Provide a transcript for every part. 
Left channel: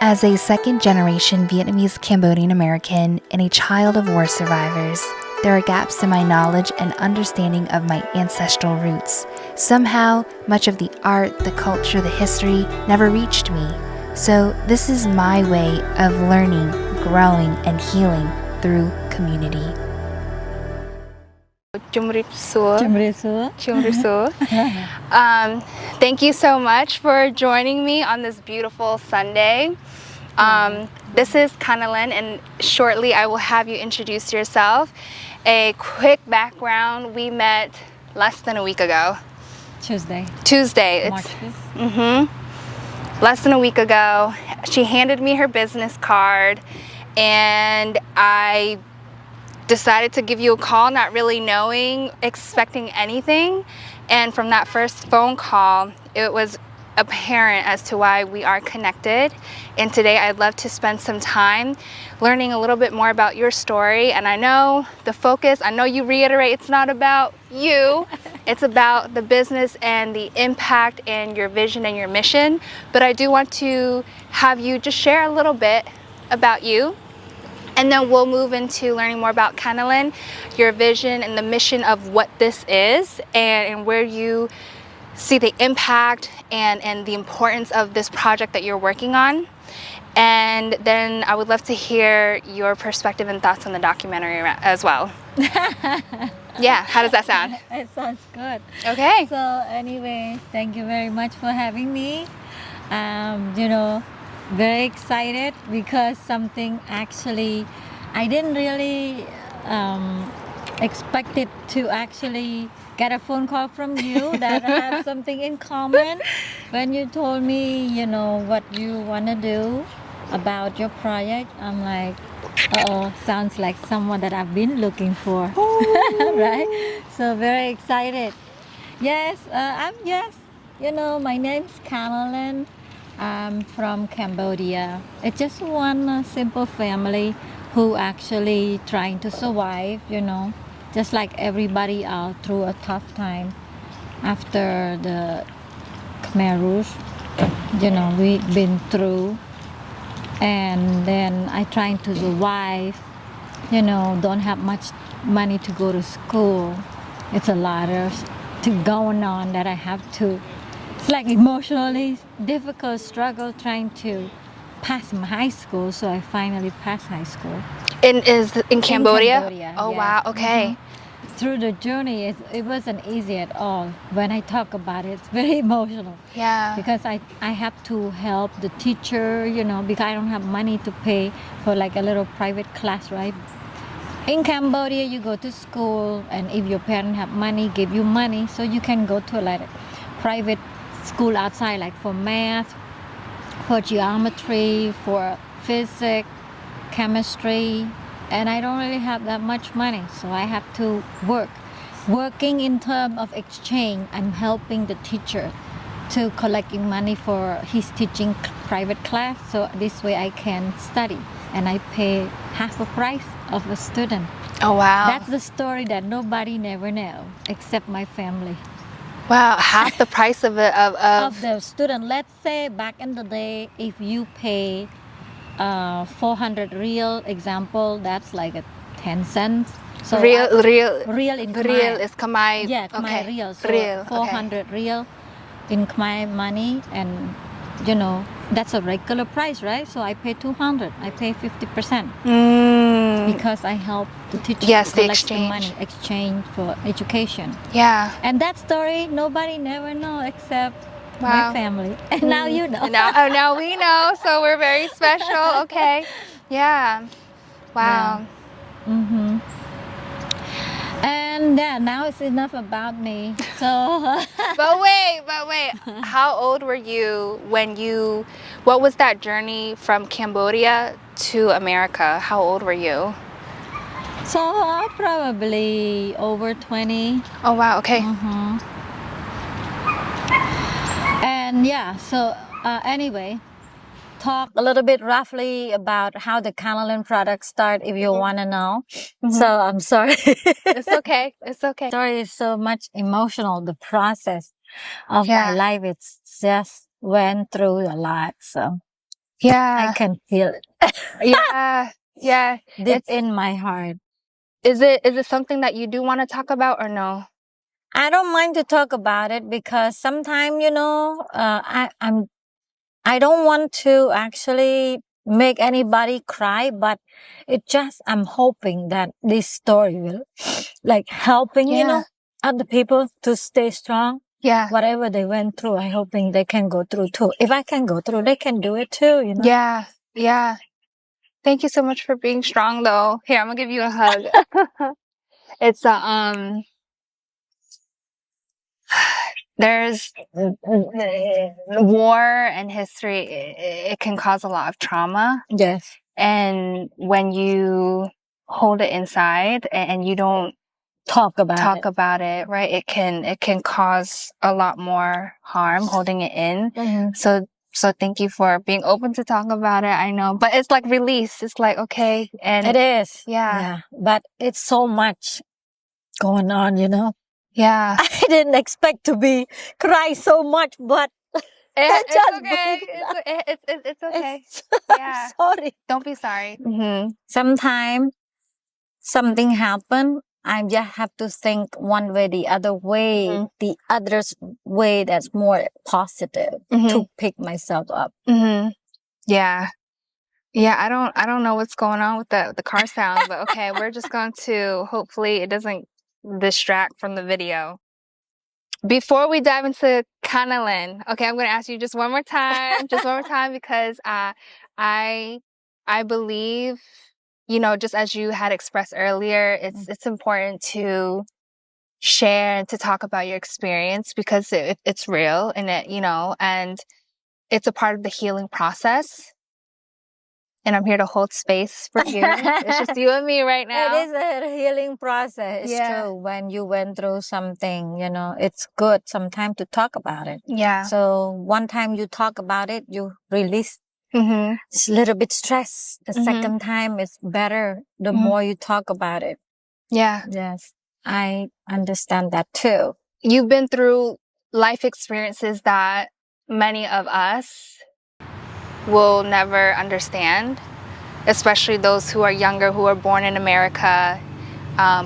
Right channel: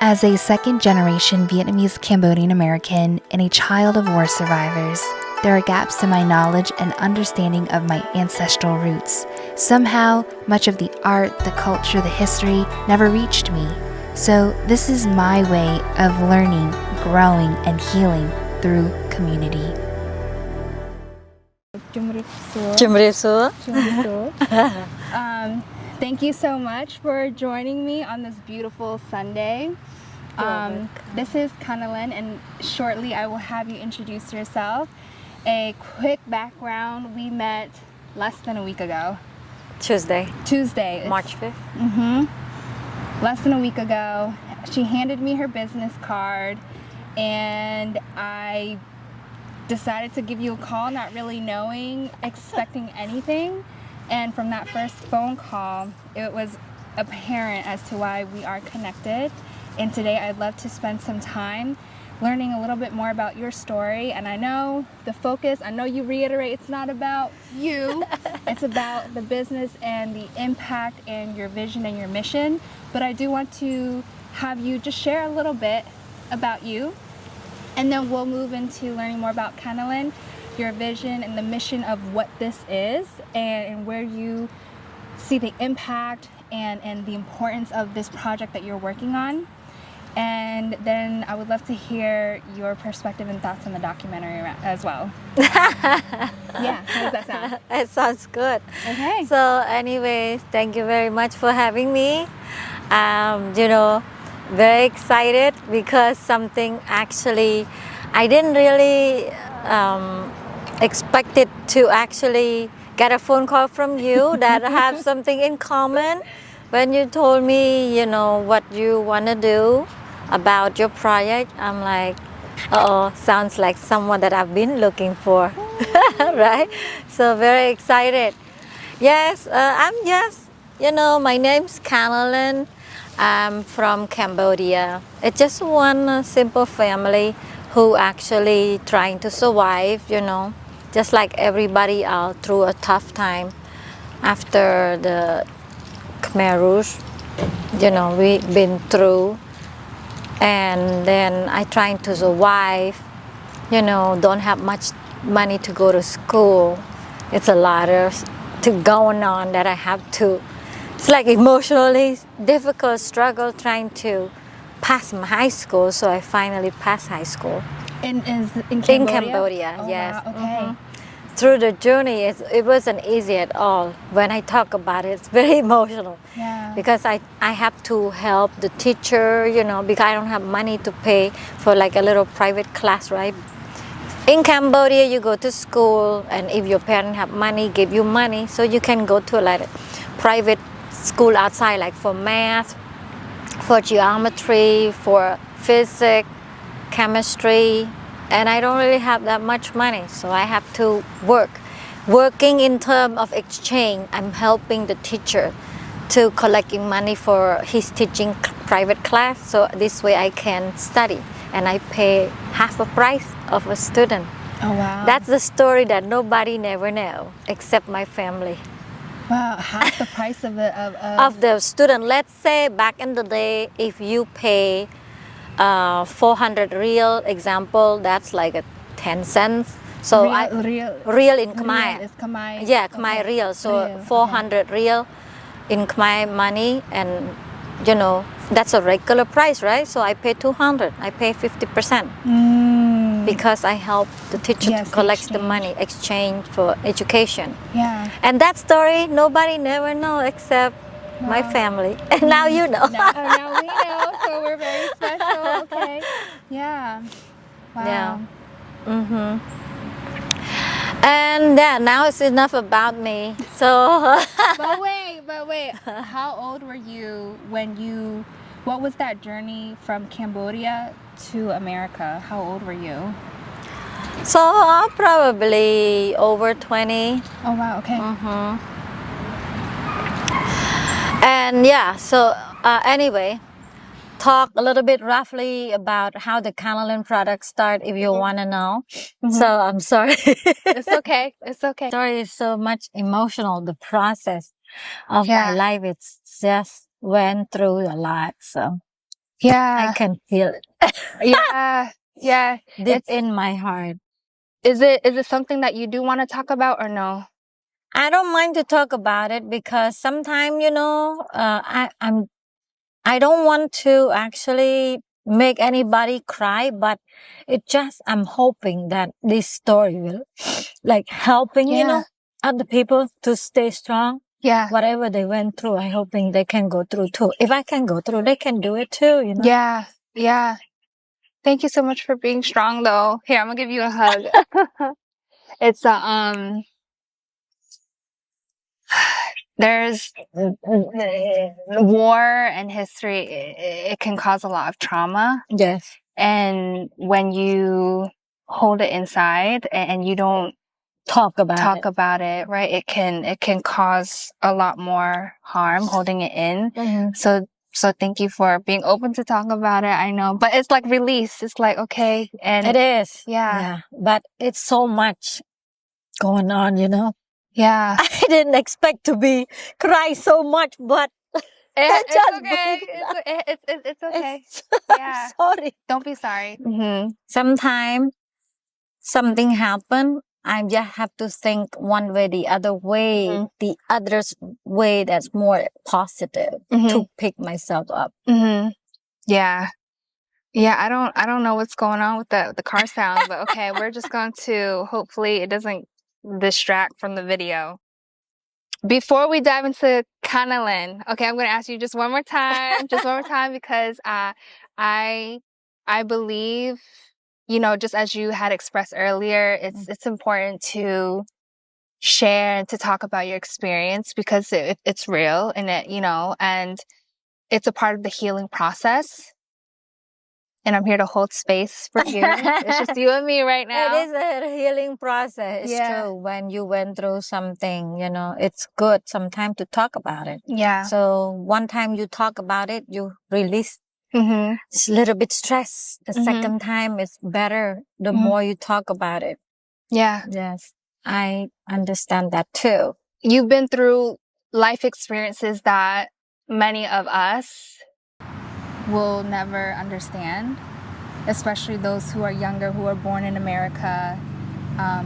As a second-generation Vietnamese Cambodian American and a child of war survivors, there are gaps in my knowledge and understanding of my ancestral roots. Somehow, much of the art, the culture, the history never reached me. So this is my way of learning, growing, and healing through community. ជំរាបសួរ ជំរាបសួរ Thank you so much for joining me on this beautiful Sunday. This is Kanilen, and shortly I will have you introduce yourself. A quick background: we met less than a week ago. Tuesday, March 5th. Less than a week ago, she handed me her business card, and I decided to give you a call, not really knowing, expecting anything. And from that first phone call, it was apparent as to why we are connected. And today I'd love to spend some time learning a little bit more about your story. And I know the focus, I know you reiterate it's not about you, it's about the business and the impact and your vision and your mission. But I do want to have you just share a little bit about you. And then we'll move into learning more about Kanilen, your vision and the mission of what this is, and where you see the impact and the importance of this project that you're working on. And then I would love to hear your perspective and thoughts on the documentary as well. Yeah, how does that sound? It sounds good. Okay. So anyway, thank you very much for having me. Very excited because something actually I didn't really expect it to actually get a phone call from you that have something in common. When you told me, what you want to do about your project, I'm like, sounds like someone that I've been looking for, right? So very excited. Yes, my name's Kanilen. I'm from Cambodia. It's just one simple family who actually trying to survive, just like everybody else through a tough time after the Khmer Rouge, we've been through. And then I trying to survive, don't have much money to go to school. It's a lot of going on that I have to. It's like emotionally difficult struggle trying to pass my high school, so I finally passed high school. In Cambodia? In Cambodia, Oh, yes. wow, okay. Through the journey, it wasn't easy at all. When I talk about it, it's very emotional. Yeah. Because I have to help the teacher, because I don't have money to pay for like a little private class, right? In Cambodia, you go to school, and if your parents have money, give you money, so you can go to like a private school outside, like for math, for geometry, for physics, chemistry, and I don't really have that much money, so I have to work. Working in terms of exchange, I'm helping the teacher to collecting money for his teaching private class, so this way I can study, and I pay half the price of a student. Oh, wow. That's the story that nobody never know, except my family. Wow, half the price of the student. Let's say back in the day, if you pay 400 real, example, that's like a 10 cents. So real in Khmer. Real is Khmer. Yeah, Khmer okay. real. So Real, 400 real in Khmer money, and that's a regular price, right? So I pay 200. I pay 50%. Because I help the teacher collect the money, exchange for education. Yeah. And that story, nobody never know except my family. And now you know. Now we know, so we're very special. Okay. Yeah. Wow. Yeah. And now it's enough about me. So. But wait. How old were you what was that journey from Cambodia to America? How old were you? So probably over 20. Oh, wow. Okay. And so anyway, talk a little bit roughly about how the Kanilen product start if you want to know. So I'm sorry. It's okay. It's okay. Story is so much emotional. The process of my life, it's just went through a lot. So Yeah. I can feel it Yeah. Yeah. deep in my heart. Is it something that you do want to talk about or no? I don't mind to talk about it because sometimes, I don't want to actually make anybody cry, but I'm hoping that this story will like helping, Yeah. other people to stay strong. Yeah. Whatever they went through, I hoping they can go through too. If I can go through, they can do it too, Yeah. Yeah. Thank you so much for being strong though. Here, I'm gonna give you a hug. It's there's war and history, it can cause a lot of trauma. Yes. And when you hold it inside and you don't Talk about it, right? It can cause a lot more harm holding it in. Mm-hmm. So thank you for being open to talk about it. I know, but it's like release. It's like, okay. And It is. Yeah. But it's so much going on, Yeah. I didn't expect to be cry so much, but It's just okay. breathe. It's okay. I'm Yeah. sorry. Don't be sorry. Mm-hmm. Sometimes something happen, I just have to think one way, the other way, Mm-hmm. the other's way that's more positive Mm-hmm. to pick myself up. Mm-hmm. Yeah. Yeah, I don't know what's going on with the car sound, but okay, we're just going to hopefully it doesn't distract from the video. Before we dive into Kanilen, okay, I'm going to ask you just one more time, because I believe, just as you had expressed earlier, it's important to share and to talk about your experience because it's real and and it's a part of the healing process. And I'm here to hold space for you. It's just you and me right now. It is a healing process. It's true. When you went through something, it's good sometimes to talk about it. Yeah. So one time you talk about it, you release Mm-hmm. it's a little bit stress. The second time it's better the more you talk about it. Yeah. Yes. I understand that too. You've been through life experiences that many of us will never understand, especially those who are younger, who are born in America,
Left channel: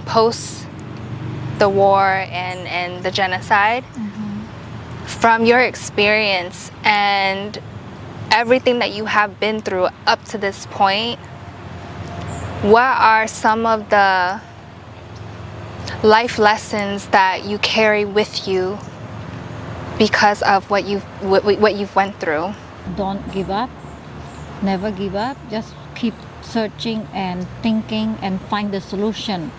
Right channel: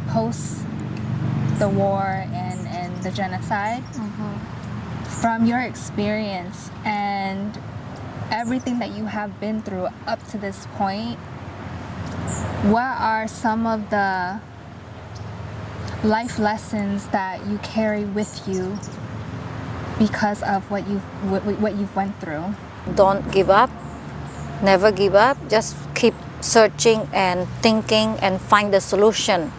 post the war and the genocide. Mm-hmm. From your experience and everything that you have been through up to this point, what are some of the life lessons that you carry with you because of what you've went through? Don't give up. Never give up. Just keep searching and thinking and find the solution,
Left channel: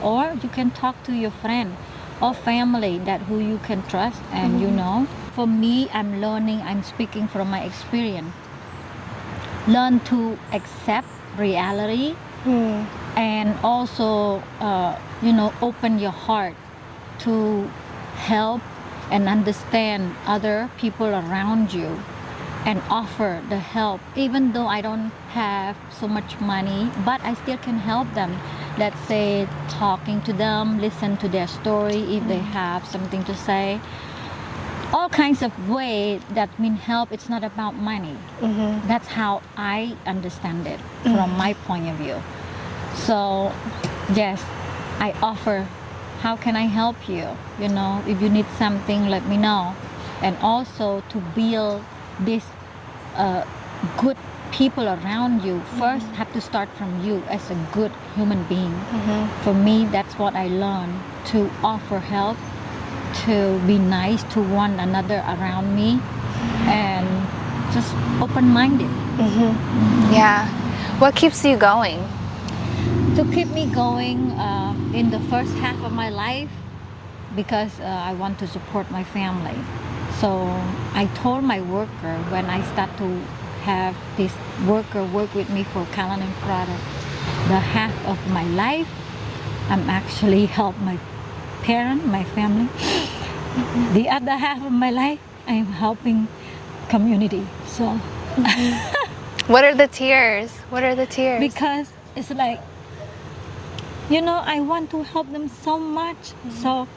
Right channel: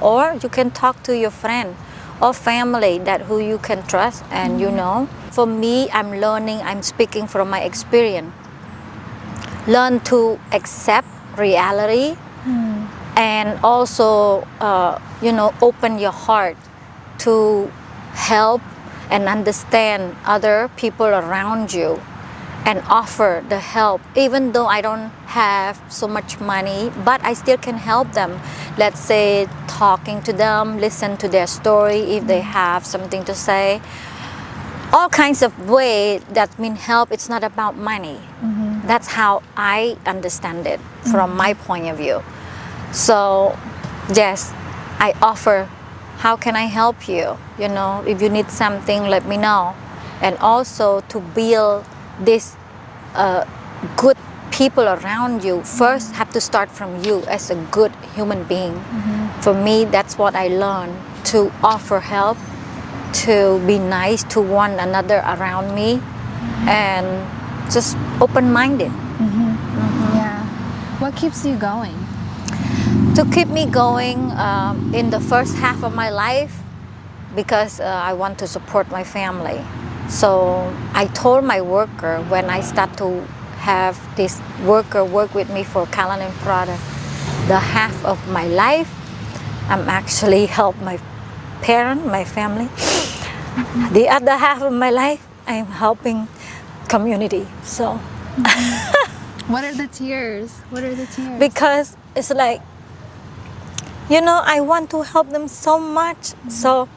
or you can talk to your friend or family that who you can trust and For me, I'm speaking from my experience. Learn to accept reality and also, open your heart to help and understand other people around you and offer the help. Even though I don't have so much money, but I still can help them. Let's say talking to them, listen to their story if they have something to say. All kinds of ways that mean help. It's not about money. Mm-hmm. That's how I understand it from my point of view. So, yes, I offer, how can I help you? If you need something, let me know. And also to build this good people around you, first have to start from you as a good human being. Mm-hmm. For me, that's what I learned, to offer help, to be nice to one another around me, and just open-minded. Mm-hmm. Mm-hmm. Yeah. What keeps you going? To keep me going in the first half of my life, because I want to support my family. So I told my worker when I start to have this worker work with me for Kanilen product, the half of my life, I'm actually help my parent, my family. Mm-hmm. The other half of my life, I'm helping community. So, What are the tears? Because it's like, I want to help them so much. Mm-hmm. So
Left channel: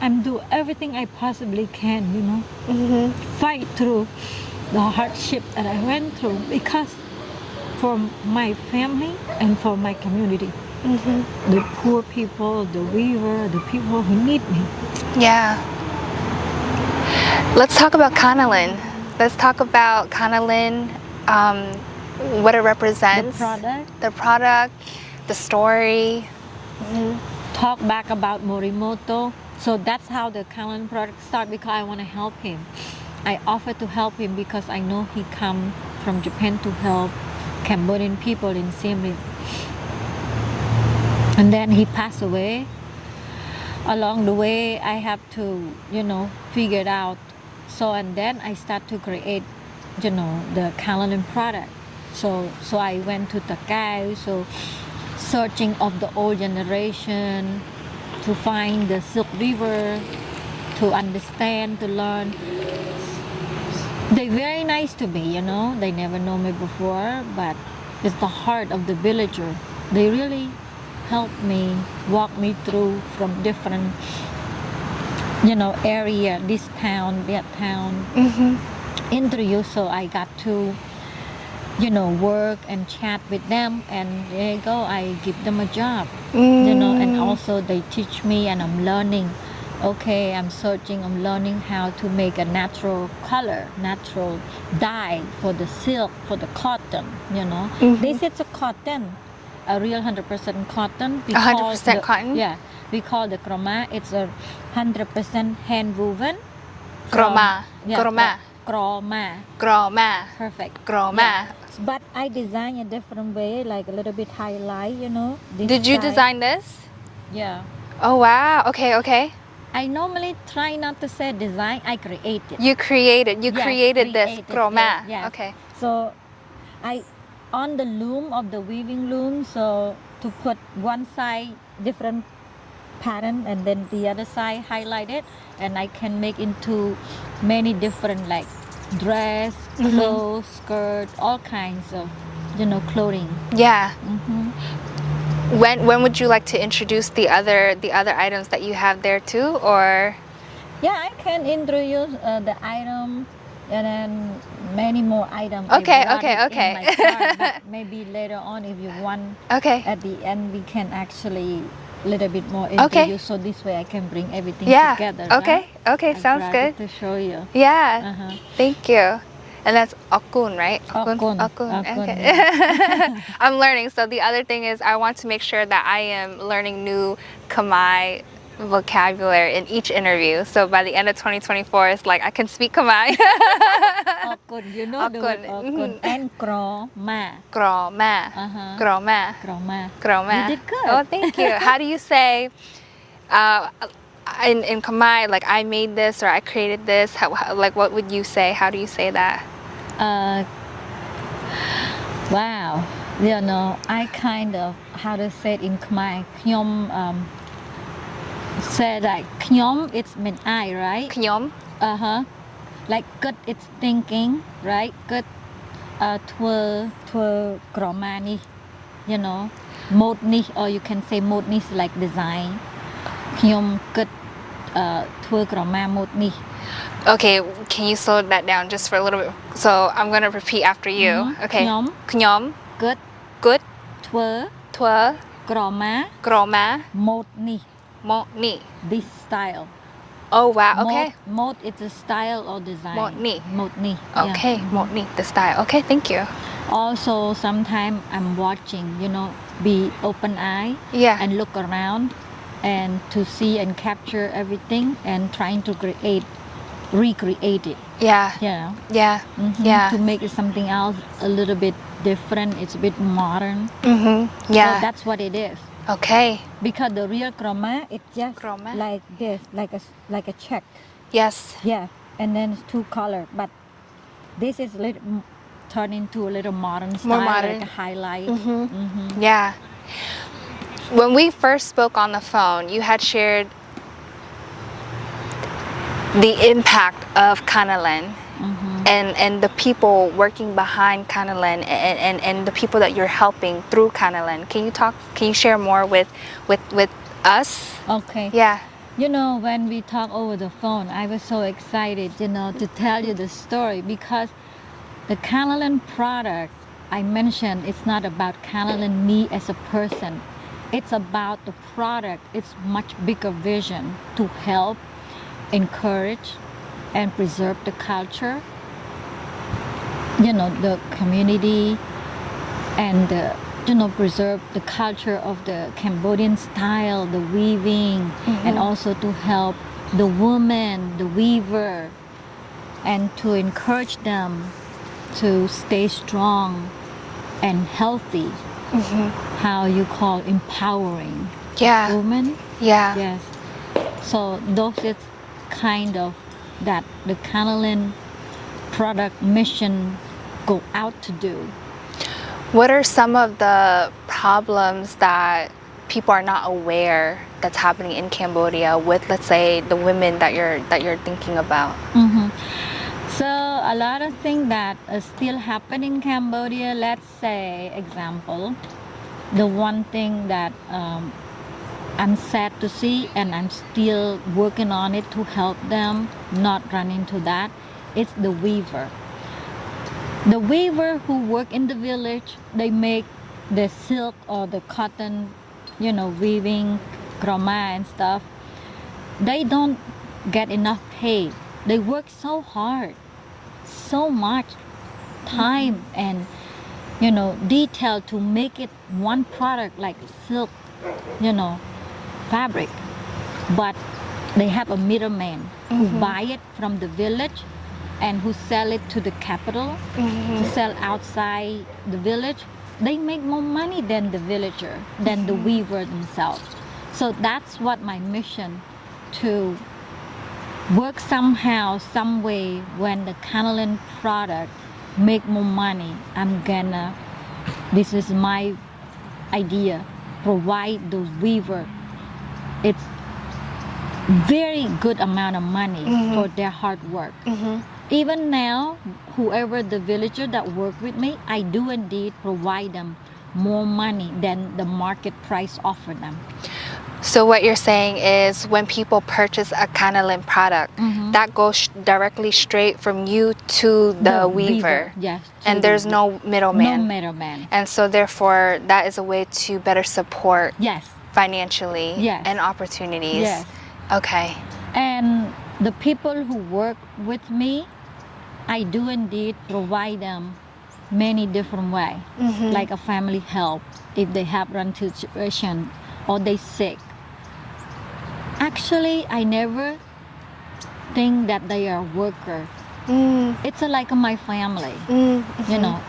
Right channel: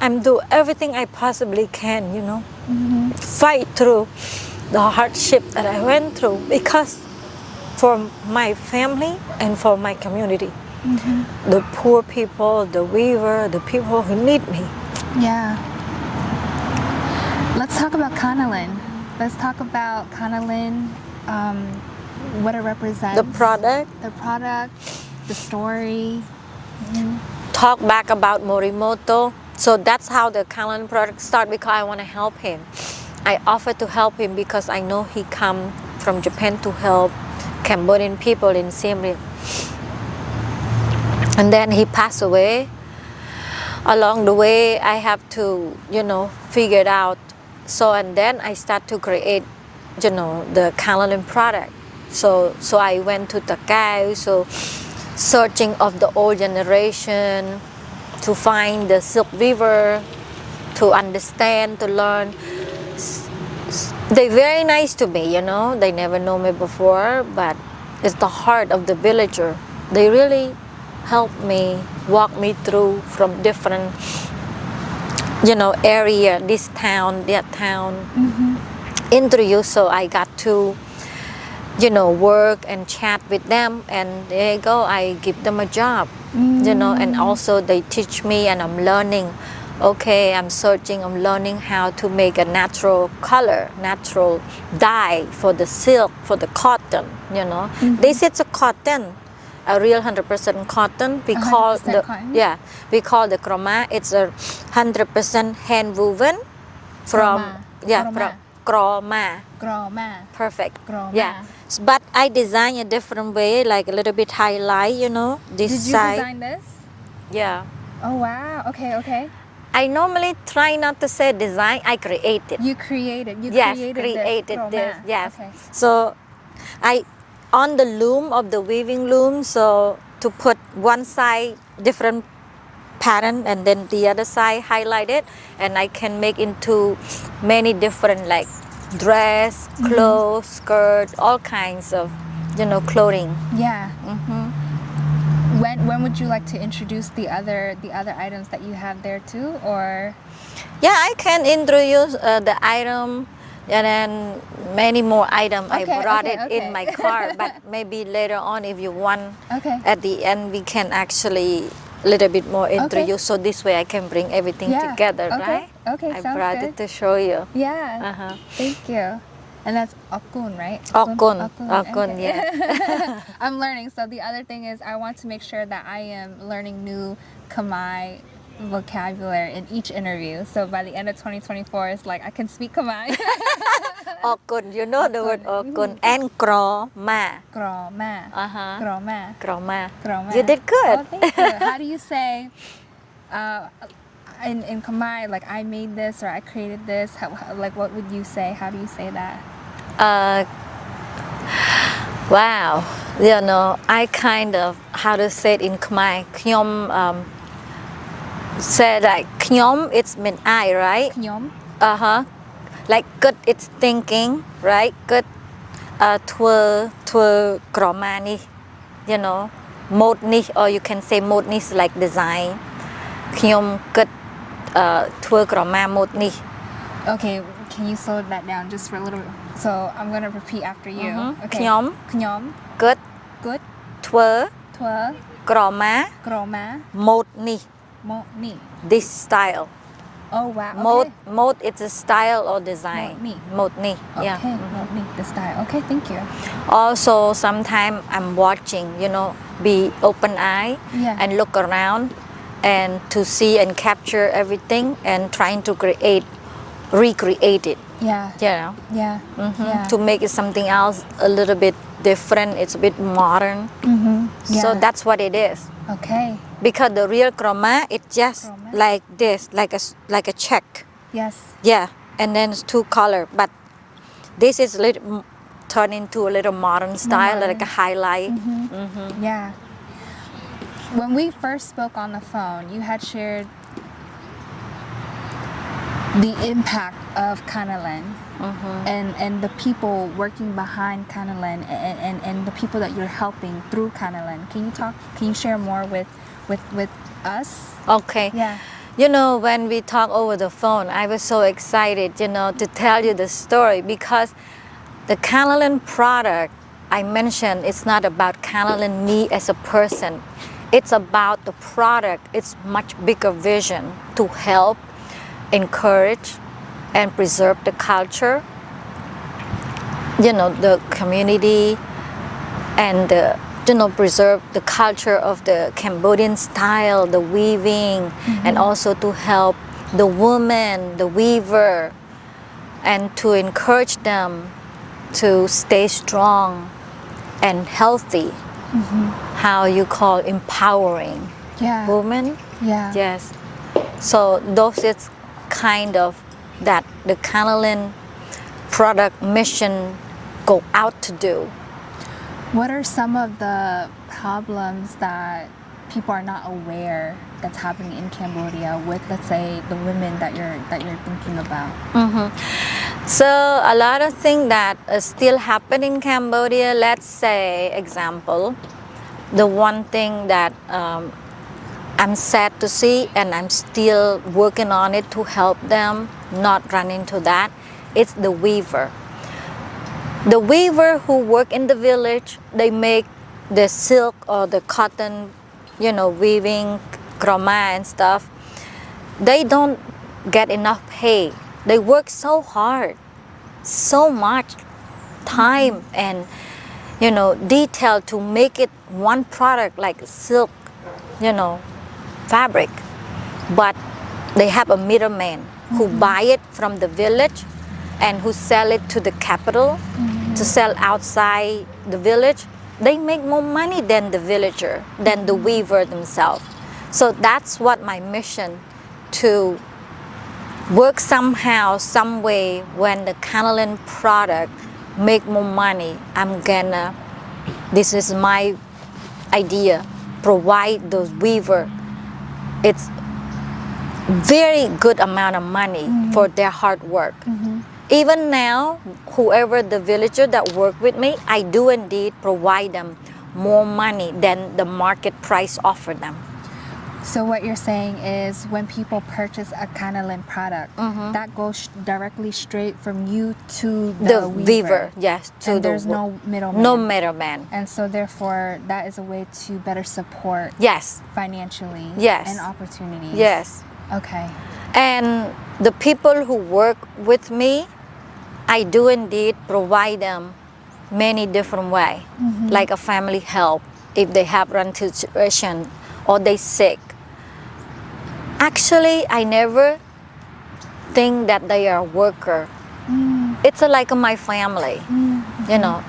I'm do everything I possibly can, fight through the hardship that I went through, because for my family and for my community, the poor people, the weaver, the people who need me. Yeah. Let's talk about Kanilen. Let's talk about Kanilen, what it represents. The product, the story. talk back about Morimoto. So that's how the Kanilen product started, because I want to help him. I offered to help him because I know he come from Japan to help Cambodian people in Siem Reap. And then he passed away. Along the way, I have to, figure it out. So, and then I start to create, the Kanilen product. So I went to Takao, so searching of the old generation to find the silk weaver, to understand, to learn. They're very nice to me, They never know me before, but it's the heart of the villager. They really help me, walk me through from different, area, this town, that town, introduce. So I got to, work and chat with them, and there you go, I give them a job, and also they teach me, and I'm learning. Okay, I'm searching, I'm learning how to make a natural color, natural dye for the silk, for the cotton, This is a cotton, a real 100% cotton. We 100% cotton? Yeah, we call the Krama. It's a 100% hand woven. Krama. Yeah, Krama. Krama. Perfect. Krama. Yeah. But I design a different way, like a little bit highlight, this Did you side. design this? Yeah. Oh, wow. Okay. I normally try not to say design, I create it. You created this Krama. Yes. Okay. So I, on the loom of the weaving loom, so to put one side different pattern and then the other side highlighted, and I can make into many different, like dress, clothes, skirt, all kinds of, clothing. Yeah. When would you like to introduce the other items that you have there too, or? Yeah, I can introduce the item, and then many more items. Okay, I brought okay, it okay. in my car, but maybe later on, if you want, Okay. at the end we can actually a little bit more introduce. So this way I can bring everything together. Okay. Right? Okay. I Sounds brought good. it to show you. Yeah. Thank you. And that's Okun, right? Okun. Okay. Yeah. I'm learning. So the other thing is I want to make sure that I am learning new Khmer vocabulary in each interview. So by the end of 2024, it's like I can speak Khmer. Okun, the word Okun. And Krama. Krama. Krama. Krama. You did good. Oh, thank you. How do you say in Khmer, like I made this or I created this? Like what would you say? How do you say that? Wow. I kind of, how to say it in Khmer, Knyom, say like Knyom, it's mean I, right? Knyom. Like good, it's thinking, right? Good, Twơ Krama ni, mode ni, or you can say mode ni is like design. Knyom good, Twơ Krama mode ni. Okay, can you slow that down just for a little bit? So I'm gonna repeat after you. Okay. Knyom. Good. Twơ Krama mode ni. This style. Oh wow. Okay. Mode it's a style or design. Mode ni. Okay. Yeah. Mode ni, the style. Okay, thank you. Also, sometimes I'm watching, be open eye and look around and to see and capture everything and trying to recreate it. Yeah. Yeah. Yeah. To make it something else a little bit different. It's a bit modern. Yeah. So that's what it is. Okay. Because the real Krama, it's just Krama? like this, like a check. Yes. Yeah, and then it's two color. But this is turned into a little modern style, modern. like a highlight. Yeah. When we first spoke on the phone, you had shared the impact of Kanilen and the people working behind Kanilen and the people that you're helping through Kanilen. Can you share more with us? Okay. Yeah. When we talk over the phone, I was so excited, to tell you the story, because the Kanilen product I mentioned, it's not about Kanilen me as a person. It's about the product. It's much bigger vision to help, encourage, and preserve the culture, the community, and preserve the culture of the Cambodian style, the weaving, and also to help the woman, the weaver, and to encourage them to stay strong and healthy. How you call empowering women? Yeah. Yes. So those is kind of that the Kanilen product mission go out to do. What are some of the problems that people are not aware that's happening in Cambodia with, let's say, the women that you're thinking about? So a lot of things that still happen in Cambodia. Let's say, example, the one thing that I'm sad to see, and I'm still working on it to help them not run into that. It's the weaver. The weaver who work in the village, they make the silk or the cotton, weaving, Krama and stuff. They don't get enough pay. They work so hard, so much time and detail to make it one product like silk, fabric. But they have a middleman who buy it from the village and who sell it to the capital to sell outside the village. They make more money than the villager, than the weaver themselves. So that's what my mission, to work somehow, some way, when the Kanilen product make more money, this is my idea, provide those weaver, it's very good amount of money for their hard work. Even now, whoever the villager that work with me, I do indeed provide them more money than the market price offer them. So what you're saying is when people purchase a Kanilen product, that goes directly straight from you to the weaver. Yes. And there's no middleman. No middleman. And so therefore, that is a way to better support financially and opportunities. Yes. Okay. And the people who work with me, I do indeed provide them many different ways, like a family help if they have run into situation or they sick. Actually, I never think that they are a worker. It's like my family,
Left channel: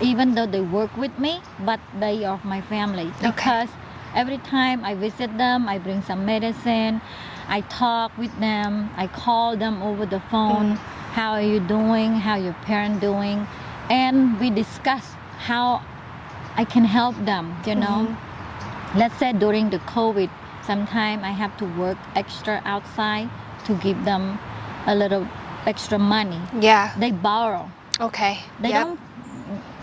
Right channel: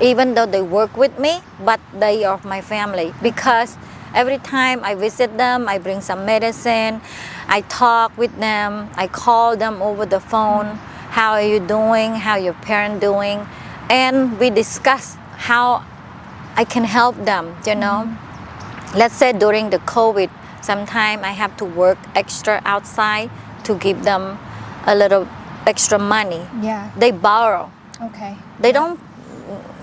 even though they work with me, but they are my family because every time I visit them, I bring some medicine, I talk with them, I call them over the phone, how are you doing, how your parent doing, and we discuss how I can help them, Let's say during the COVID, sometimes I have to work extra outside to give them a little extra money. Yeah. They borrow. Okay. They don't,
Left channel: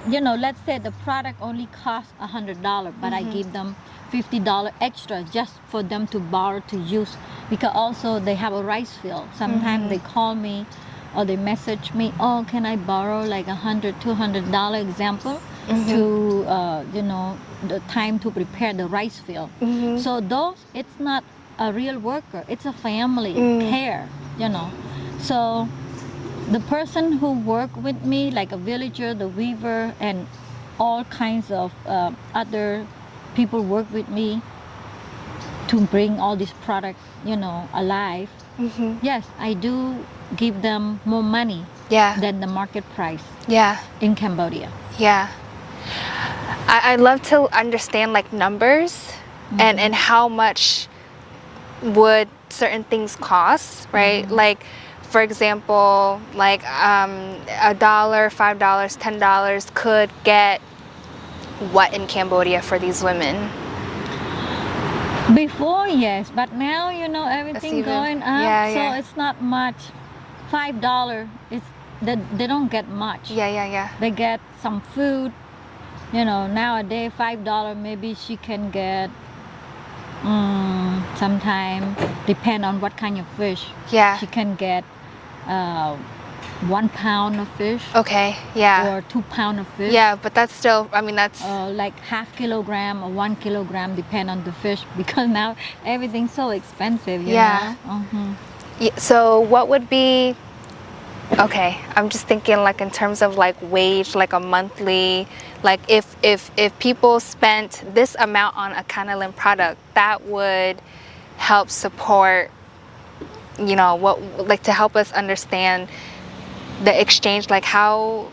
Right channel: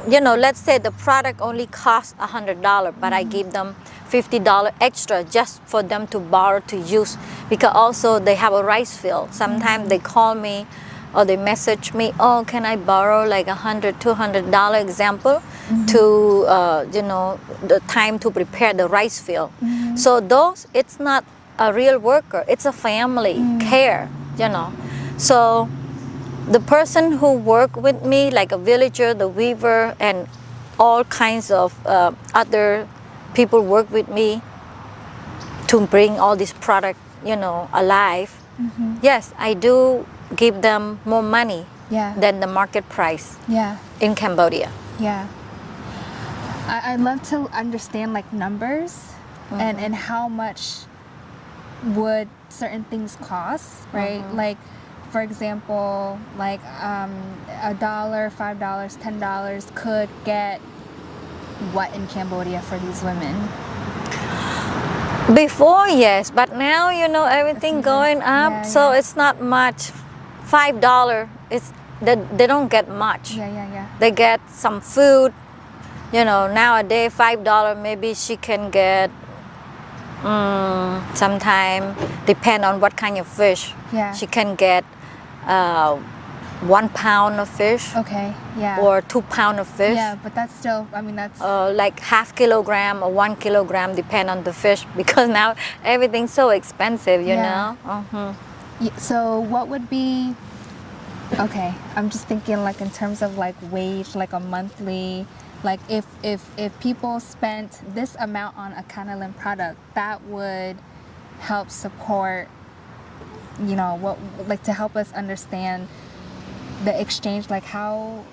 let's say the product only costs $100, but I give them $50 extra just for them to borrow to use, because also they have a rice field. Sometimes they call me or they message me, oh, can I borrow like $100, $200 example to, the time to prepare the rice field. So those, it's not a real worker, it's a family care, So the person who work with me, like a villager, the weaver, and all kinds of other people work with me to bring all this product, alive. Yes, I do give them more money than the market price in Cambodia. Yeah. I'd love to understand like numbers and how much would certain things cost, right? Like, for example, like $1, $5, $10 could get what in Cambodia for these women? Before, yes, but now, everything going up, so it's not much. $5, they don't get much. Yeah. They get some food. Nowadays $5 maybe she can get sometime depend on what kind of fish. Yeah. She can get 1 pound of fish Okay. Yeah. or 2 pound of fish. Yeah, but that's still, I mean, that's, Like half kilogram or 1 kilogram, depend on the fish, because now everything's so expensive, you Yeah. know. so what would be, okay, I'm just thinking like in terms of like wage, like a monthly, like if people spent this amount on a Kanilen product, that would help support, you know, what, like to help us understand the exchange, like how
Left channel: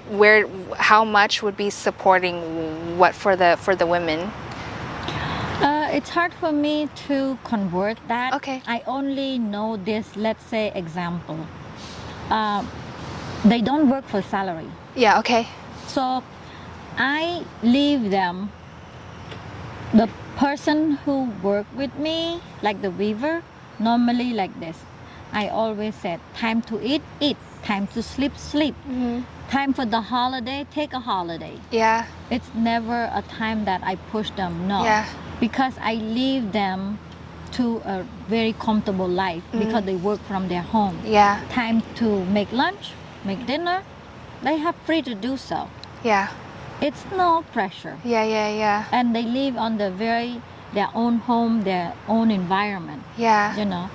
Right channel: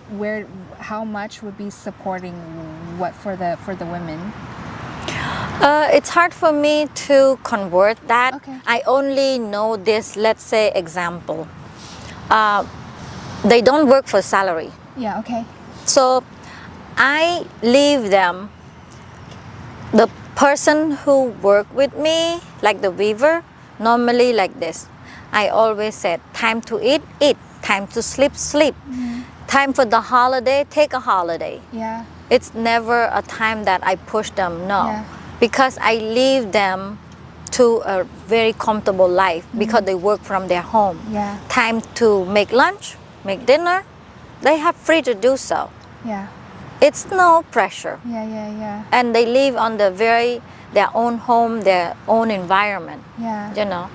much would be supporting what for the women. It's hard for me to convert that. Okay. I only know this, let's say, example. They don't work for salary. Yeah, okay. So I leave them, the person who work with me, like the weaver, normally like this. I always said, time to eat, eat. Time to sleep, sleep. Time for the holiday, take a holiday. Yeah. It's never a time that I push them, no. Yeah. Because I leave them to a very comfortable life because they work from their home. Yeah. Time to make lunch, make dinner, they have free to do so. Yeah. It's no pressure. Yeah. And they live on their own home, their own environment, Yeah. you know.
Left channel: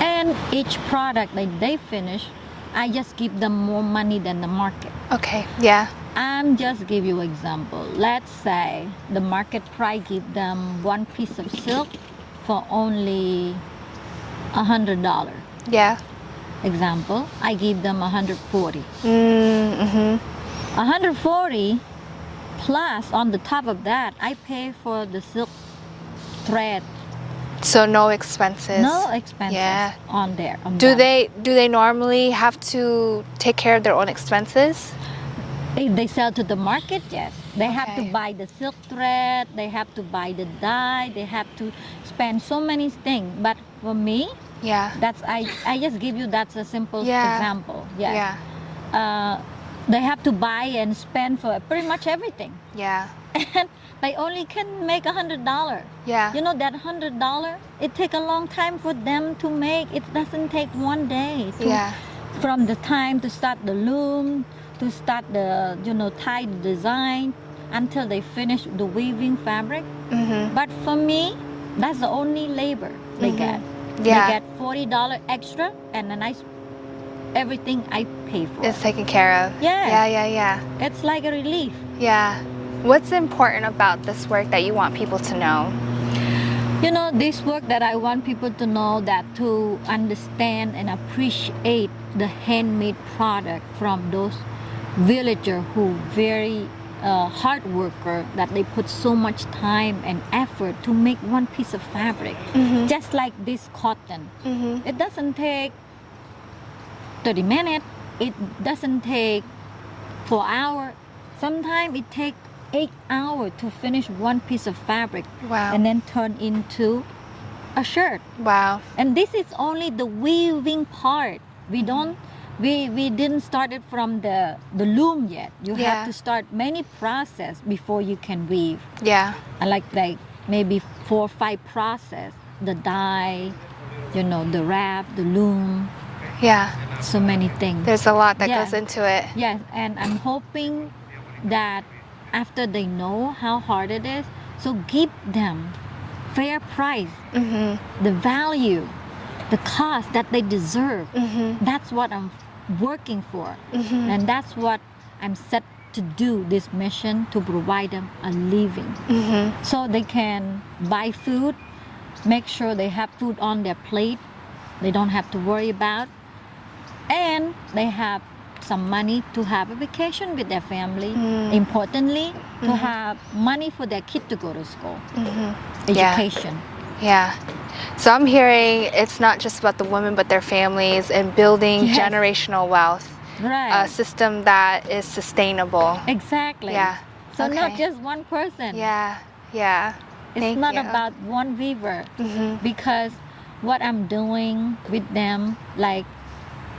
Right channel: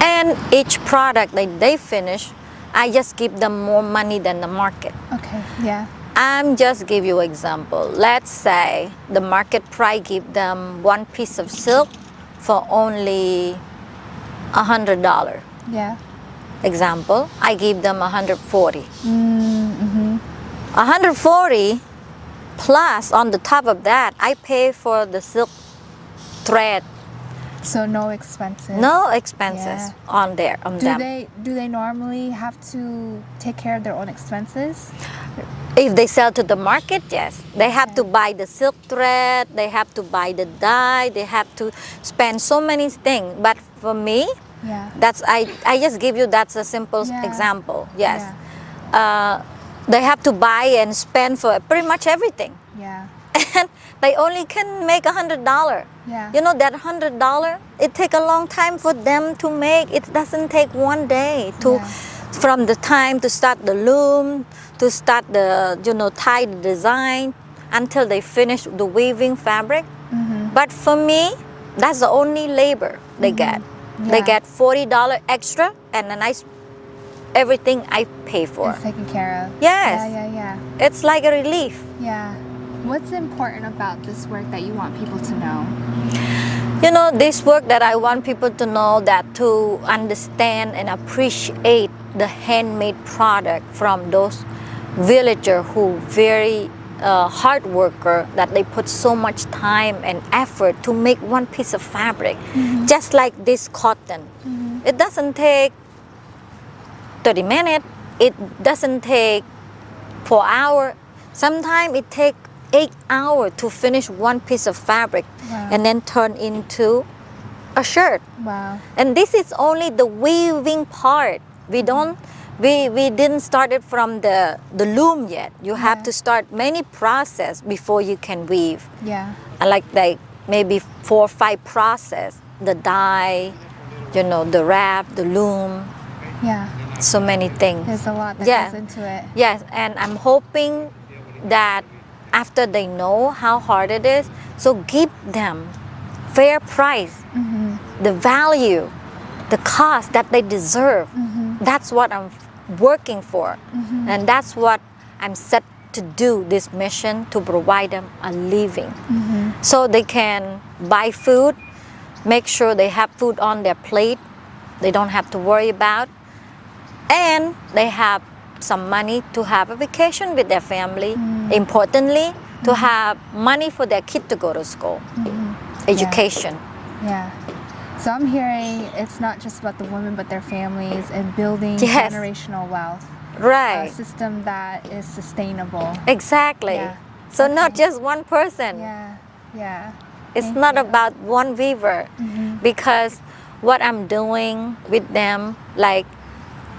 And each product that they finish, I just give them more money than the market. Okay. Yeah. I'm just give you example. Let's say the market price give them one piece of silk for only $100. Yeah. Example, I give them 140. Mm-hmm. 140 plus on the top of that, I pay for the silk thread. So no expenses. No expenses Yeah. on there. On Do them. they normally have to take care of their own expenses? If they sell to the market, yes. They have to Okay. buy the silk thread, they have to buy the dye, they have to spend so many things. But for me, Yeah. I just give you that's a simple Yeah. example. Yes. Yeah. They have to buy and spend for pretty much everything. Yeah. And they only can make $100. Yeah. You know that $100, it take a long time for them to make. It doesn't take one day to Yeah. from the time to start the loom, to start the tie the design until they finish the weaving fabric. But for me, that's the only labor they get. Yeah. They get $40 extra, and then everything I pay for. It's taken care of. Yes. Yeah. It's like a relief. Yeah. What's important about this work that you want people to know? You know, this work that I want people to know, that to understand and appreciate the handmade product from those villagers who very hard worker, that they put so much time and effort to make one piece of fabric. Just like this cotton. It doesn't take 30 minutes. It doesn't take 4 hours. Sometimes it takes 8 hours to finish one piece of fabric. Wow. And then turn into a shirt. Wow. And this is only the weaving part. We didn't start it from the loom yet. You Yeah. have to start many process before you can weave. Yeah. And like maybe 4 or 5 process. The dye, the wrap, the loom, Yeah. so many things. There's a lot that Yeah. goes into it. Yes, and I'm hoping that after they know how hard it is, so give them fair price, the value, the cost that they deserve. That's what I'm working for. And that's what I'm set to do, this mission, to provide them a living. So they can buy food, make sure they have food on their plate, they don't have to worry about, and they have some money to have a vacation with their family. Importantly, to have money for their kid to go to school, education. Yeah. So I'm hearing it's not just about the women, but their families and building Yes. generational wealth. Right. A system that is sustainable. Exactly. Yeah. So not Okay. just one person. Yeah. It's Thank not you. about one weaver. Because what I'm doing with them, like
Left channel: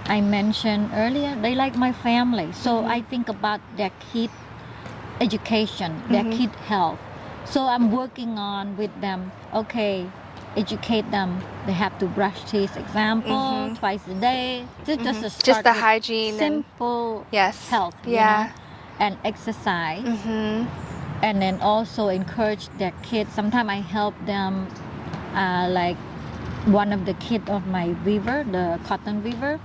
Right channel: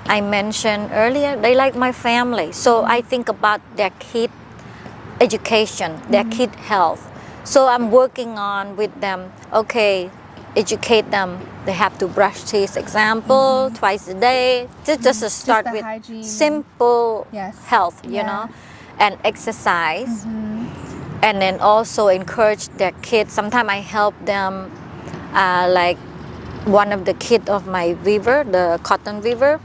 I mentioned earlier, they like my family. So I think about their kid education, their kid health. So I'm working on with them, okay, educate them. They have to brush teeth, example, twice a day. Just to start the with hygiene. simple Yes. health, you Yeah. know, and exercise. And then also encourage their kids. Sometimes I help them, like one of the kids of my weaver, the cotton weaver.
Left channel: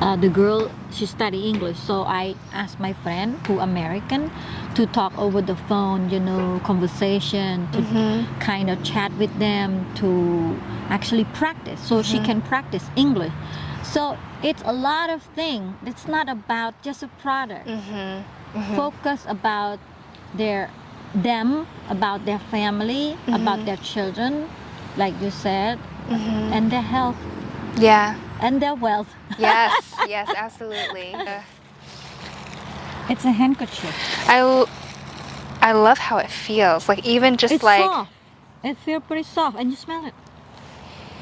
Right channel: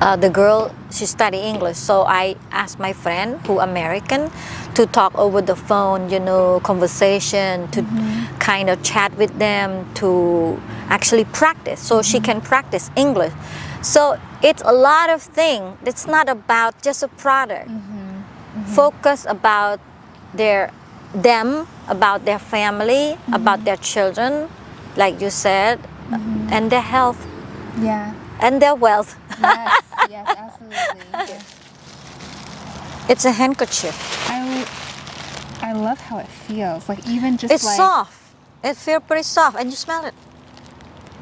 The girl, she study English, so I asked my friend who American to talk over the phone, you know, conversation, to kind of chat with them, to actually practice, so she can practice English. So it's a lot of things. It's not about just a product. Focus about them, about their family, about their children, like you said, and their health. Yeah. And their wealth. Yes. Yes. Absolutely. It's a handkerchief. I love how it feels. Like even just It's like soft. It feels pretty soft, and you smell it.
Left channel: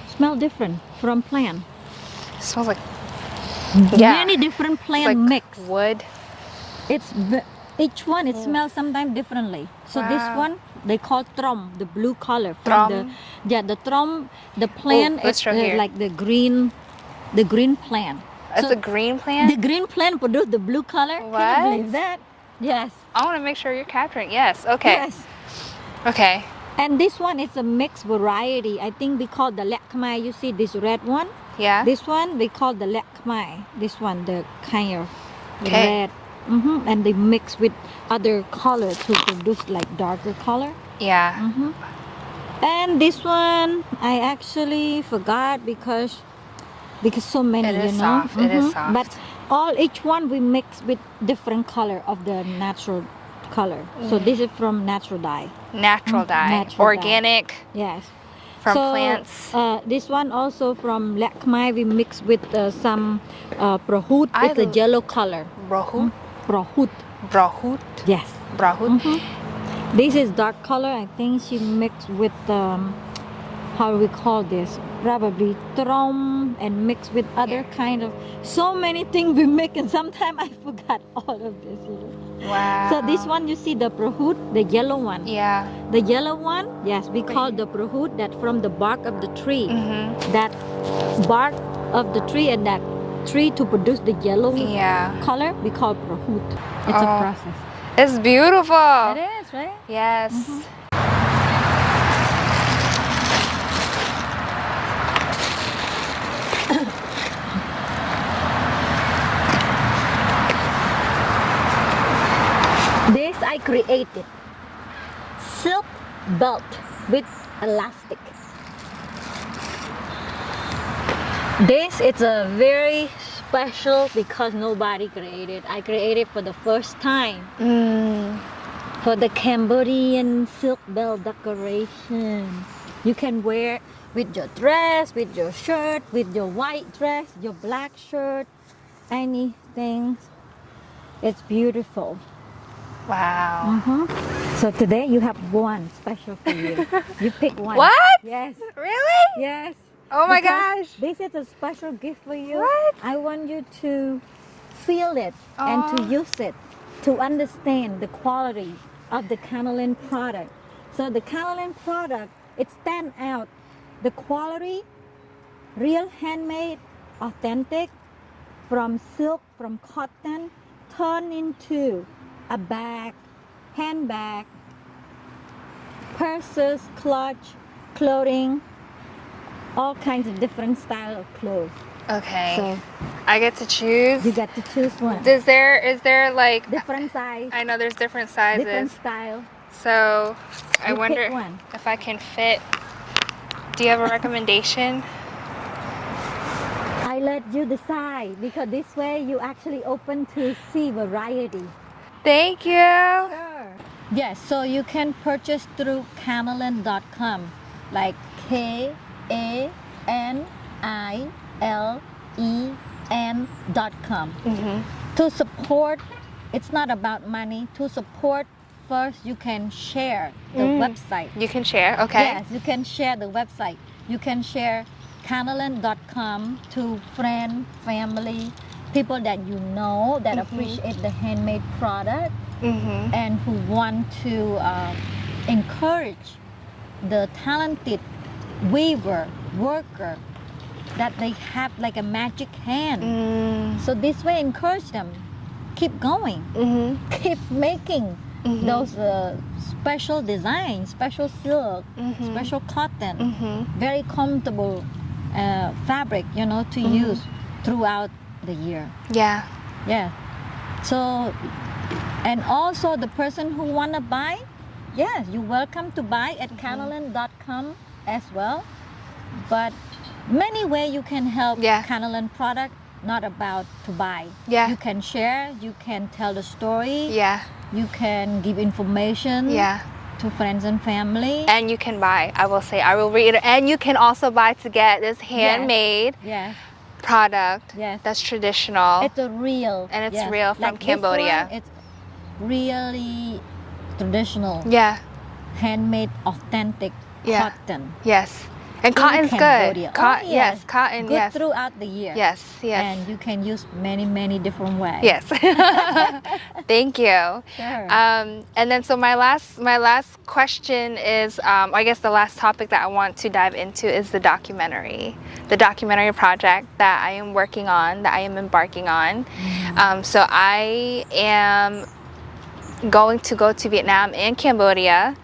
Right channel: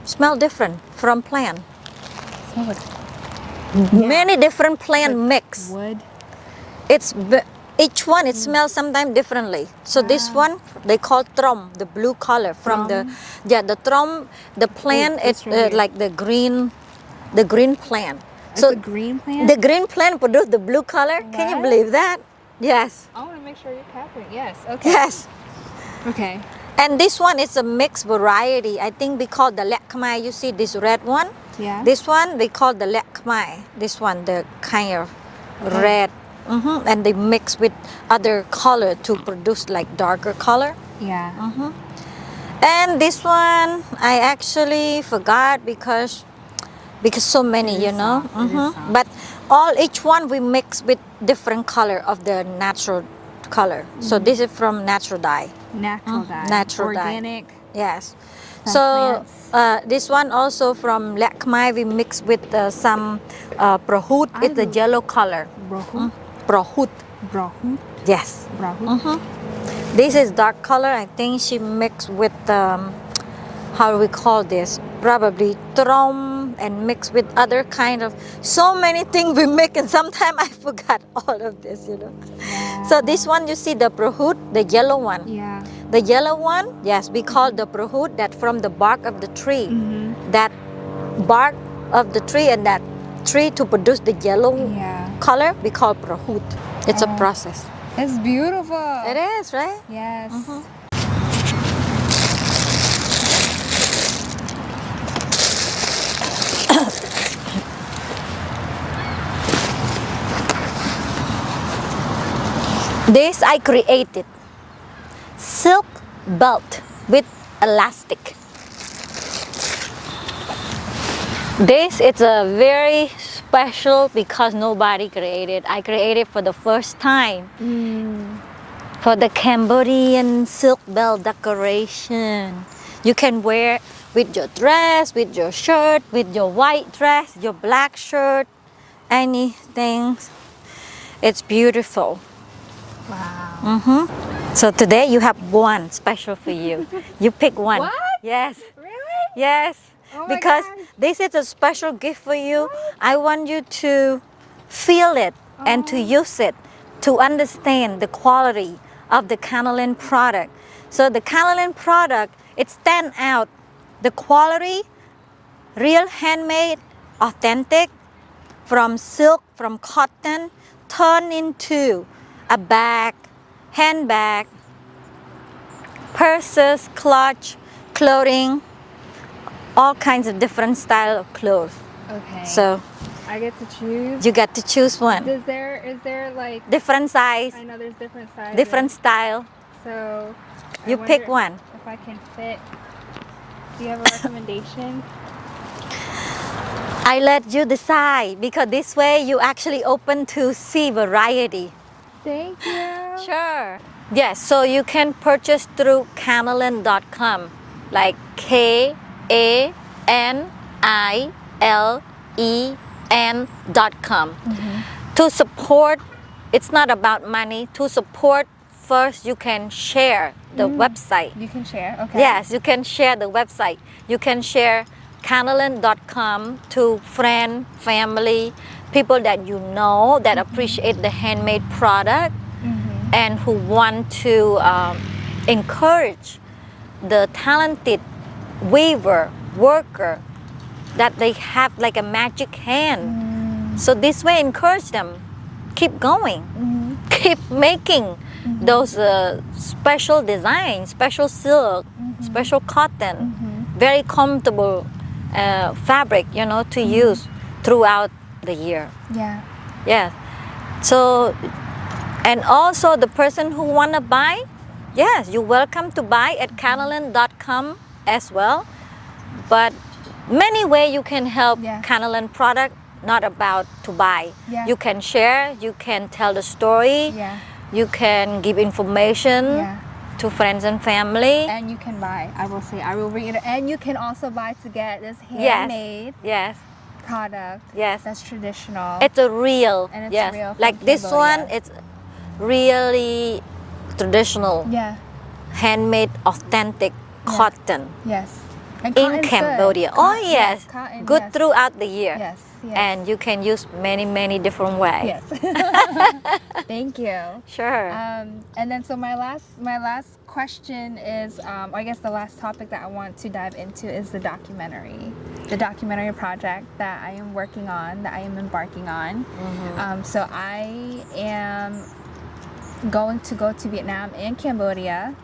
Smell different from plant. it smells like Many different plant like mix. wood. Each one it smells sometimes differently. So this one they call trom, the blue color from Trom? the trom, the plant let's is show here. like the green plant. It's a green plant. The green plant produce the blue color. Can What? you believe that? Yes. I want to make sure you're capturing. Yes. Okay. Yes. Okay. And this one is a mixed variety. I think we call the lek Khmer. You see this red one? Yeah. This one we call the lek Khmer. This one, the kind of Okay. red. And they mix with other color to produce like darker color. Yeah. And this one I actually forgot because so many, It is you know. soft. It is soft. But each one we mix with different color of the natural color. So this is from natural dye. Natural dye. Natural dye. Organic. Yes. From plants. This one also from lek Khmer we mix with some prohut. It's a yellow color. Brahut. Prohut. Brahut. Yes. Brahut. This is dark color. I think she mixed with how do we call this? Probably trom and mixed with other kind of so many things we make, and sometimes I forgot all of this, you know. Wow. So this one you see the prohut, the yellow one. Yeah. The yellow one, yes, we call the prohut that from the bark of the tree. That bark of the tree and that tree to produce the yellow Yeah. color, we call prohut. It's a process. It's beautiful. It is, right? Yes. This I created. Silk belt with elastic. This is a very special because nobody created. I created for the first time. For the Cambodian silk belt decoration. You can wear with your dress, with your shirt, with your white dress, your black shirt, anything. It's beautiful. Wow. So today you have one special for you. You pick one. What? Yes. Really? Yes. Oh my because gosh. this is a special gift for you. What? I want you to feel it and to use it to understand the quality of the Kanilen product. So the Kanilen product, it stands out. The quality, real handmade, authentic, from silk, from cotton, turned into a bag, handbag, purses, clutch, clothing, all kinds of different style of clothes. Okay. So I get to choose. you get to choose one. Is there like? Different size, I know there's different sizes. different style. So I You wonder pick one. if I can fit. Do you have a recommendation? I let you decide because this way you actually open to see variety. Thank you. Sure. Yes, so you can purchase through Kanilen.com, like KANILEN.com. To support, it's not about money. To support, first you can share the website. You can share. Okay. Yes, you can share the website. You can share Kanilen.com to friend, family, people that you know that appreciate the handmade product and who want to encourage the talented weaver, worker, that they have like a magic hand. So this way encourage them, keep going, keep making those special designs, special silk, special cotton, very comfortable fabric, you know, to use throughout the year. Yeah. Yeah. So, and also the person who want to buy, yes, you're welcome to buy at KANILEN.com as well. But many ways you can help Kanilen product, not about to buy. Yeah. You can share, you can tell the story, Yeah. you can give information to friends and family. And you can buy, I will say, I will read it. And you can also buy to get this handmade product that's traditional. It's a real. And it's real from like Cambodia. this one, it's really traditional. Yeah. Handmade, authentic cotton. Yes. And In cotton's Cambodia. good. Yes. Cotton, good yes. throughout the year. Yes, yes. And you can use many different ways. Yes. Thank you. Sure. And then so my last question is, I guess the last topic that I want to dive into is the documentary project that I am working on, that I am embarking on. So I am going to go to Vietnam and Cambodia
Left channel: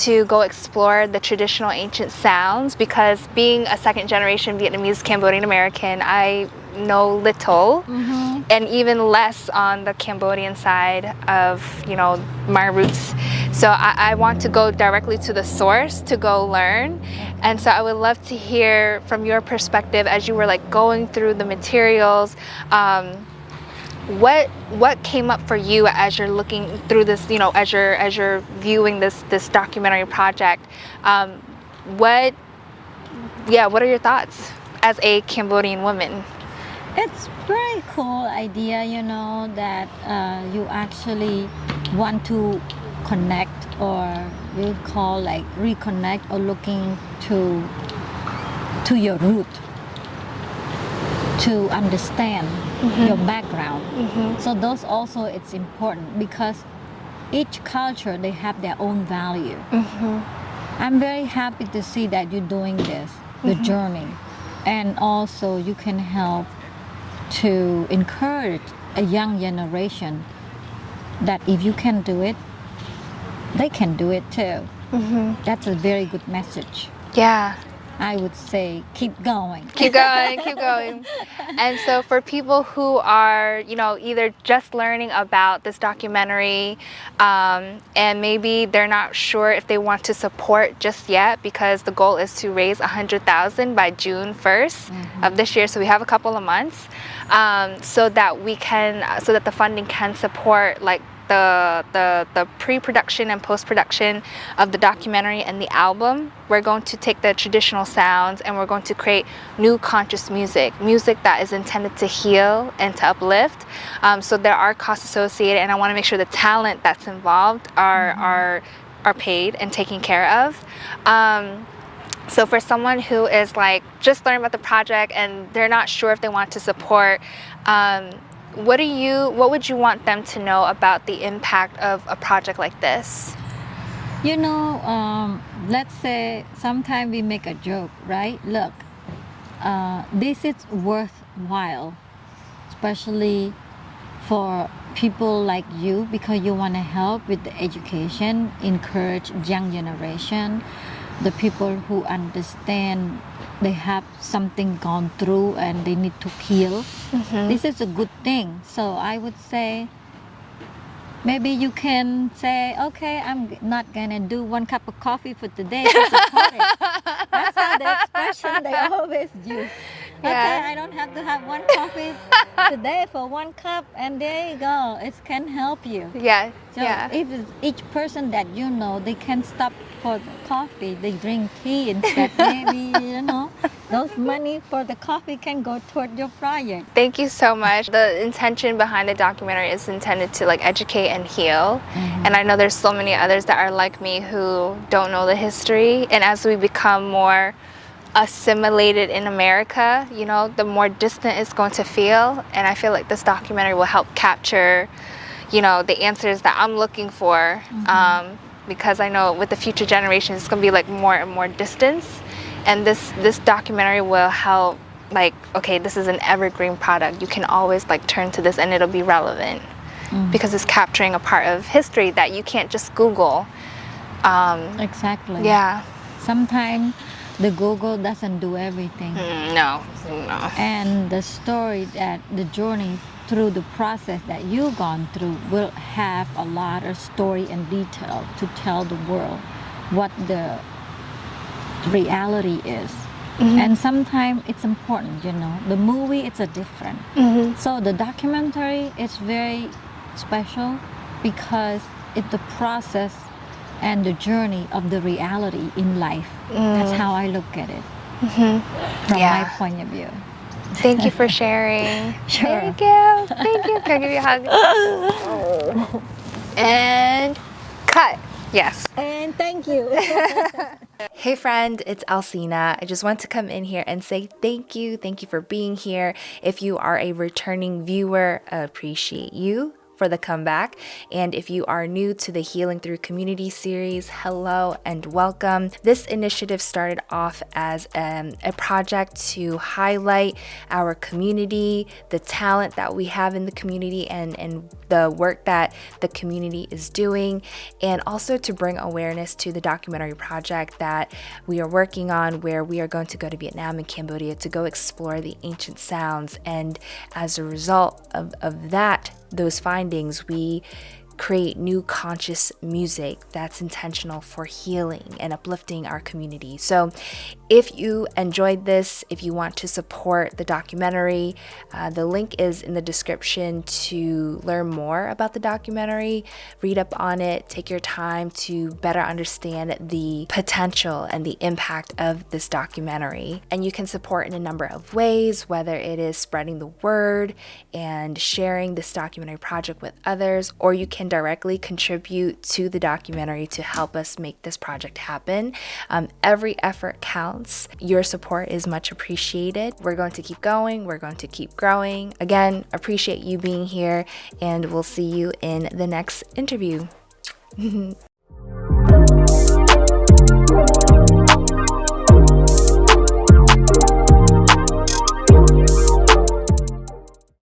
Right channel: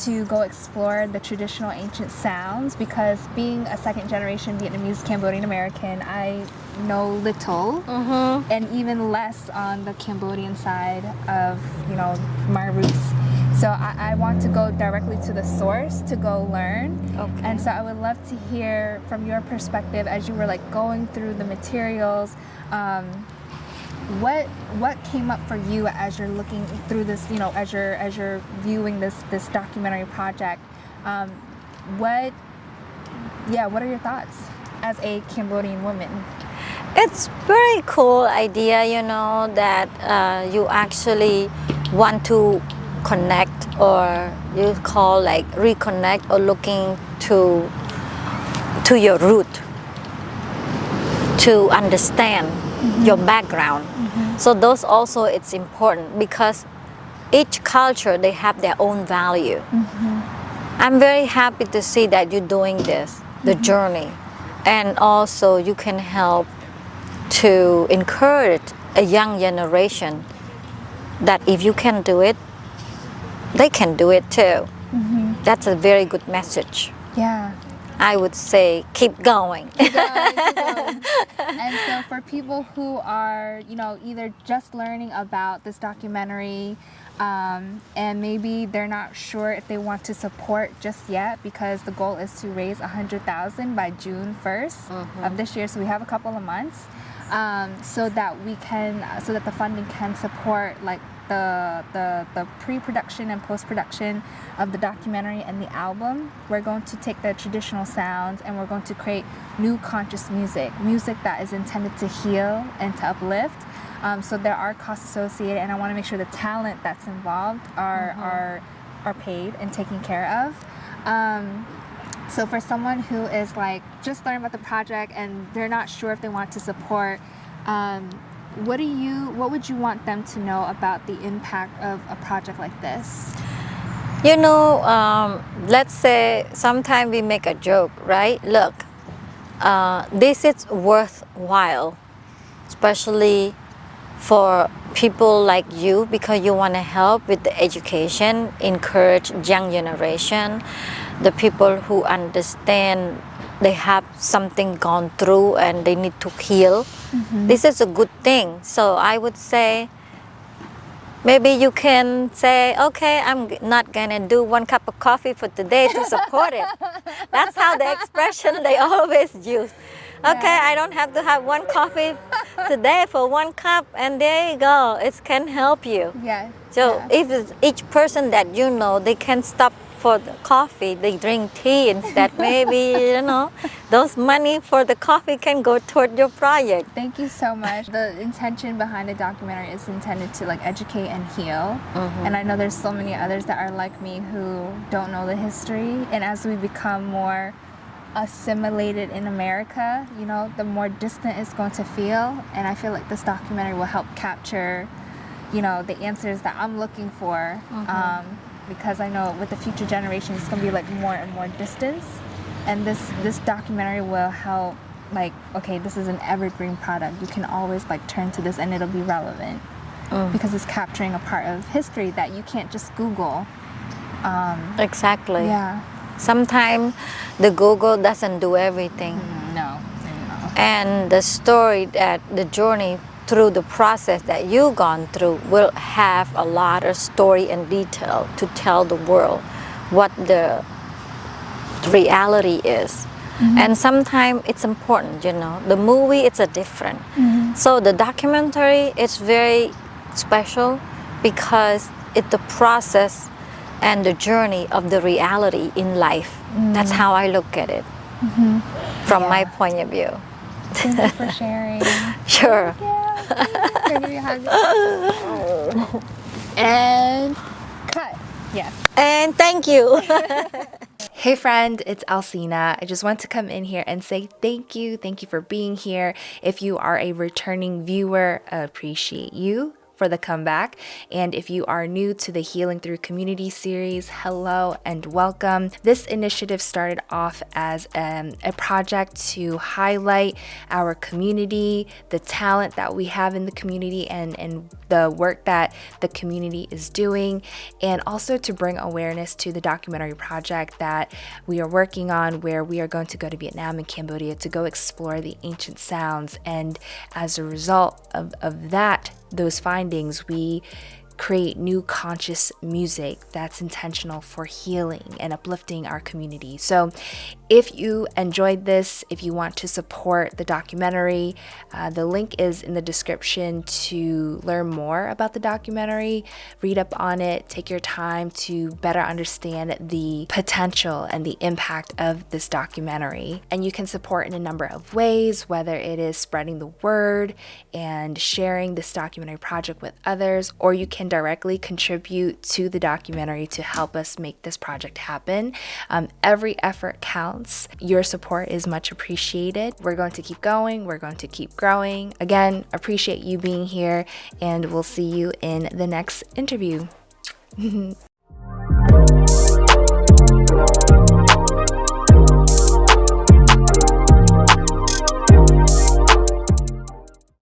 to go explore the traditional ancient sounds, because being a second generation Vietnamese Cambodian American, I know little and even less on the Cambodian side of, you know, my roots. So I want to go directly to the source to go learn. And so I would love to hear from your perspective as you were like going through the materials, what came up for you as you're looking through this, you know, as you're viewing this documentary project? What are your thoughts as a Cambodian woman? It's very cool idea, you know, that you actually want to connect, or you call like reconnect, or looking to your root, to understand your background. So those also, it's important because each culture, they have their own value. I'm very happy to see that you're doing this, the journey. And also you can help to encourage a young generation that if you can do it, they can do it too. That's a very good message. Yeah. I would say keep going. Keep going, keep going. And so for people who are, you know, either just learning about this documentary, and maybe they're not sure if they want to support just yet, because the goal is to raise 100,000 by June 1st of this year. So we have a couple of months, so that the funding can support like the pre-production and post-production of the documentary and the album. We're going to take the traditional sounds and we're going to create new conscious music that is intended to heal and to uplift. So there are costs associated, and I want to make sure the talent that's involved are paid and taken care of. So for someone who is like just learning about the project and they're not sure if they want to support, what would you want them to know about the impact of a project like this? You know, let's say sometimes we make a joke, right? Look, this is worthwhile, especially for people like you, because you want to help with the education, encourage young generation, the people who understand they have something gone through and they need to heal. This is a good thing. So I would say, maybe you can say, okay, I'm not gonna do 1 cup of coffee for today to support it. That's how the expression they always use. Okay, I don't have to have 1 coffee today for 1 cup, and there you go. It can help you. Yeah. So if it's each person that you know, they can stop for the coffee, they drink tea instead. Maybe, you know, those money for the coffee can go toward your project. Thank you so much. The intention behind the documentary is intended to like educate and heal. And I know there's so many others that are like me who don't know the history. And as we become more assimilated in America, you know, the more distant it's going to feel. And I feel like this documentary will help capture, you know, the answers that I'm looking for. because I know with the future generations, it's gonna be like more and more distance. And this documentary will help, like, okay, this is an evergreen product. You can always like turn to this and it'll be relevant because it's capturing a part of history that you can't just Google. Exactly. Yeah. Sometimes the Google doesn't do everything. No. And the story, that the journey through the process that you've gone through will have a lot of story and detail to tell the world what the reality is. And sometimes it's important, you know. The movie, it's a different. So the documentary, it's very special because it's the process and the journey of the reality in life. That's how I look at it from my point of view. Thank you for sharing. Sure. Thank you. Can I give you a hug? And cut. Yes. And thank you. Hey friend, it's Alcina. I just want to come in here and say thank you. Thank you for being here. If you are a returning viewer, I appreciate you for the comeback. And if you are new to the Healing Through Community series, hello and welcome. This initiative started off as a project to highlight our community, the talent that we have in the community, and the work that the community is doing, and also to bring awareness to the documentary project that we are working on, where we are going to go to Vietnam and Cambodia to go explore the ancient sounds. And as a result of those findings, we create new conscious music that's intentional for healing and uplifting our community. So if you enjoyed this, if you want to support the documentary, the link is in the description to learn more about the documentary, read up on it, take your time to better understand the potential and the impact of this documentary. And you can support in a number of ways, whether it is spreading the word and sharing this documentary project with others, or you can directly contribute to the documentary to help us make this project happen. Every effort counts. Your support is much appreciated. We're going to keep going. We're going to keep growing. Again, appreciate you being here, and we'll see you in the next interview.